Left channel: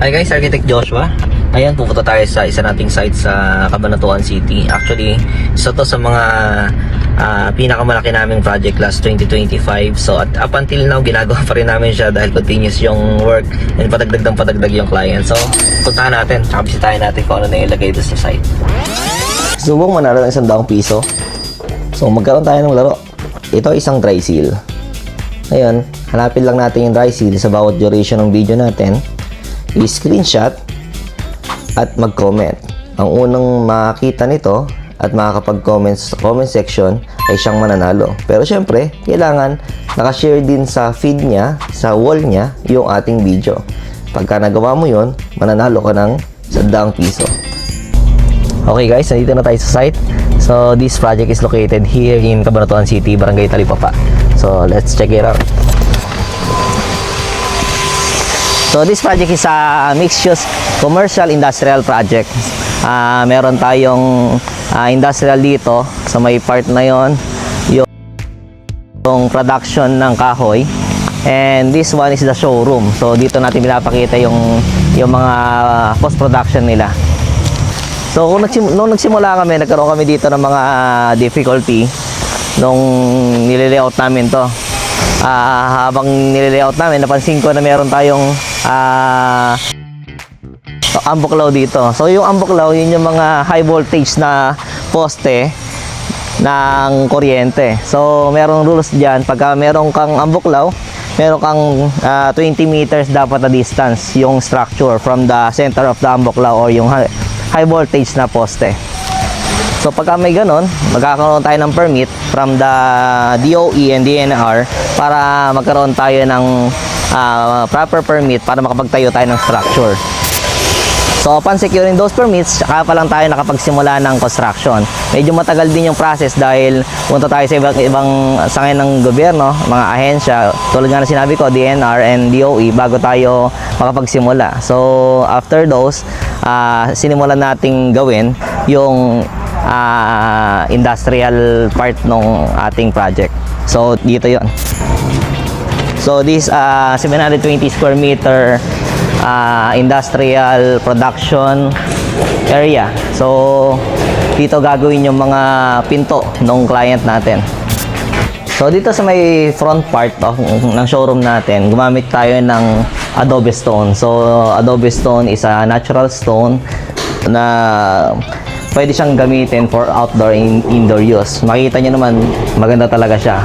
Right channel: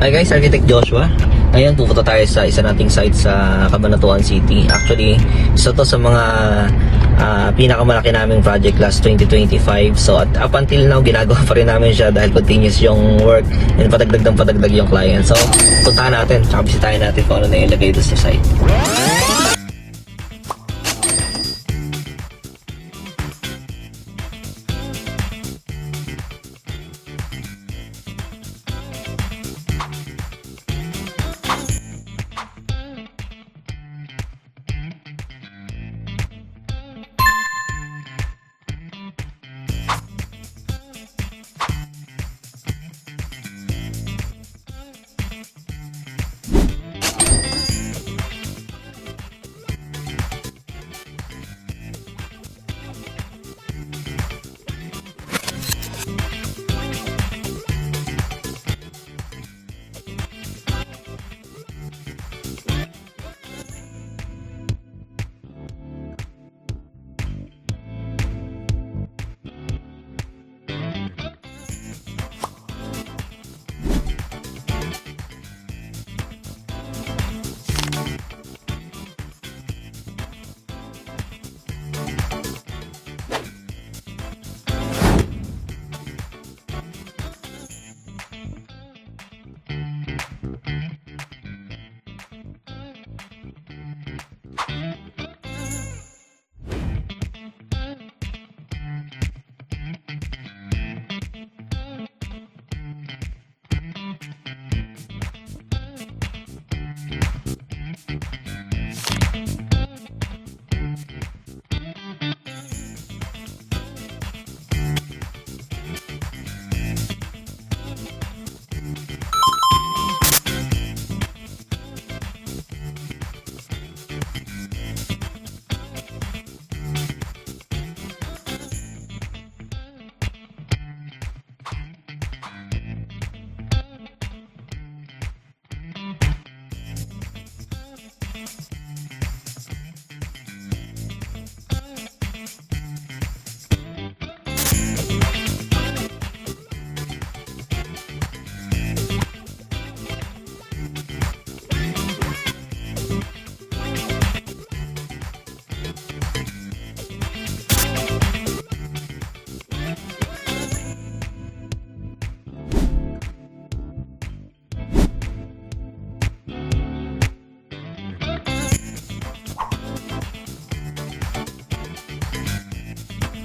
Hi guys, Architect Joshua. Ngayon pupunta tayo sa isa nating site sa Cabanatuan City. Actually, isa to sa mga pinakamalaki naming project last 2025. So at up until now, ginagawa pa rin namin siya dahil continuous yung work and padagdag ng padagdag yung client. So puntahan natin, bisitahin natin kung ano na ilagay doon sa site. Subong manalo ng ₱100. So magkaroon tayo ng laro. Ito isang dry seal. Ngayon, hanapin lang natin yung dry seal sa bawat duration ng video natin. I-screenshot at mag-comment. Ang unang makakita nito at makakapag-comment sa comment section ay siyang mananalo. Pero syempre, kailangan nakashare din sa feed niya, sa wall niya, yung ating video. Pagka nagawa mo yun, mananalo ka ng ₱100. Okay guys, nandito na tayo sa site. So this project is located here in Cabanatuan City, Barangay Talipapa. So let's check it out. So this project is a mixed-use commercial industrial project. Meron tayong industrial dito sa may part na yon, yung production ng kahoy, and this one is the showroom. So dito natin pinapakita yung mga post-production nila. So nung nagsimula kami, nagkaroon kami dito ng mga difficulty nung nililayout namin to. Habang nililayout namin, napansin ko na meron tayong ambuklaw dito. So yung ambuklaw, yun yung mga high voltage na poste ng kuryente. So merong rules dyan, pagka meron kang ambuklaw, meron kang 20 meters dapat na distance yung structure from the center of the ambuklaw or yung high voltage na poste. So pagka may ganon, magkakaroon tayo ng permit from the DOE and DNR para magkaroon tayo ng proper permit para makapagtayo tayo ng structure. So upon securing those permits, saka pa lang tayo nakapagsimula ng construction. Medyo matagal din yung process dahil punta tayo sa ibang sangay ng gobyerno, mga ahensya, tulad nga na sinabi ko, DNR and DOE, bago tayo makapagsimula. So after those, sinimulan nating gawin yung industrial part ng ating project. So dito yon. So this 720 square meter industrial production area. So dito gagawin yung mga pinto ng client natin. So dito sa may front part ng showroom natin, gumamit tayo ng adobe stone. So adobe stone is a natural stone na pwede siyang gamitin for outdoor and indoor use. Makita nyo naman, maganda talaga siya.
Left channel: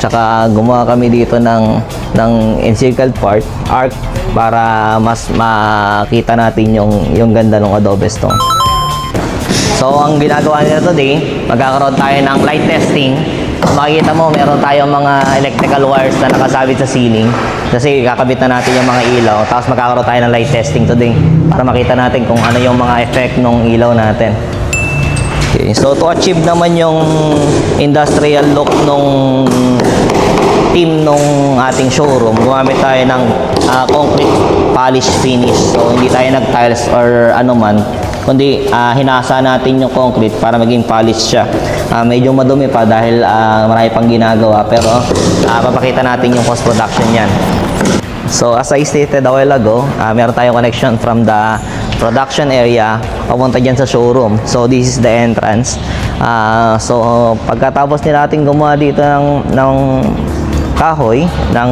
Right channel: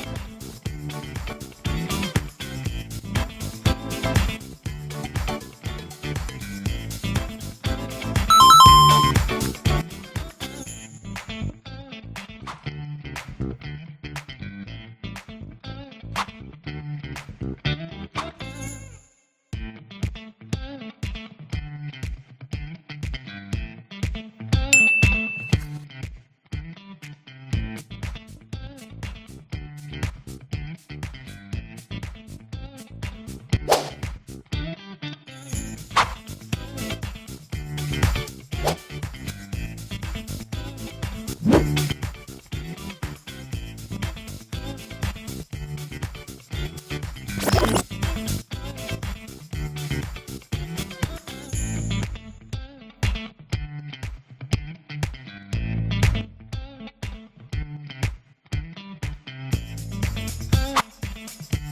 Tsaka gumawa kami dito ng encircled part, arc, para mas makita natin yung ganda ng adobe stone. So ang ginagawa nila today, magkakaroon tayo ng light testing. Makikita mo, meron tayong mga electrical wires na nakasabit sa ceiling. Kasi kakabit na natin yung mga ilaw. Tapos magkakaroon tayo ng light testing today para makita natin kung ano yung mga effect ng ilaw natin. Okay, so to achieve naman yung industrial look nung team nung ating showroom, gumamit tayo ng concrete polish finish. So hindi tayo nag-tiles or ano man, kundi hinasa natin yung concrete para maging polish siya. Medyo madumi pa dahil marami pang ginagawa, pero papakita natin yung post-production yan. So as I stated a while ago, meron tayong connection from the production area papunta dyan sa showroom. So this is the entrance. So pagkatapos natin gumawa dito ng kahoy, ng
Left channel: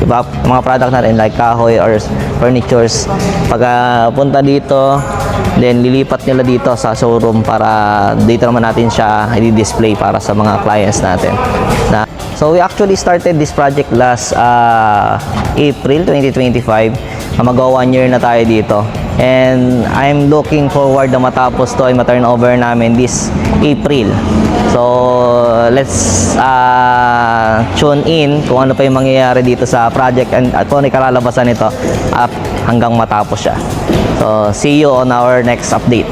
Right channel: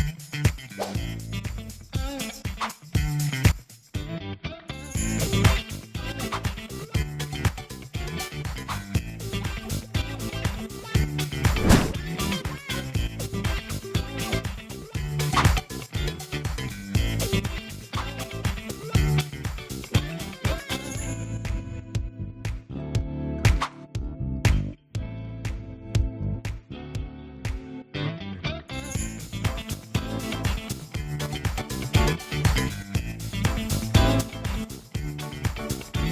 iba, mga product natin like kahoy or furnitures, pagpunta dito, then lilipat nila dito sa showroom para dito naman natin siya i-display para sa mga clients natin. So we actually started this project last April 2025. Mag-go 1 year na tayo dito. And I'm looking forward na matapos to ay ma-turn over namin this April. So let's tune in kung ano pa yung mangyayari dito sa project at kung ano kalalabasan nito hanggang matapos siya. So see you on our next update.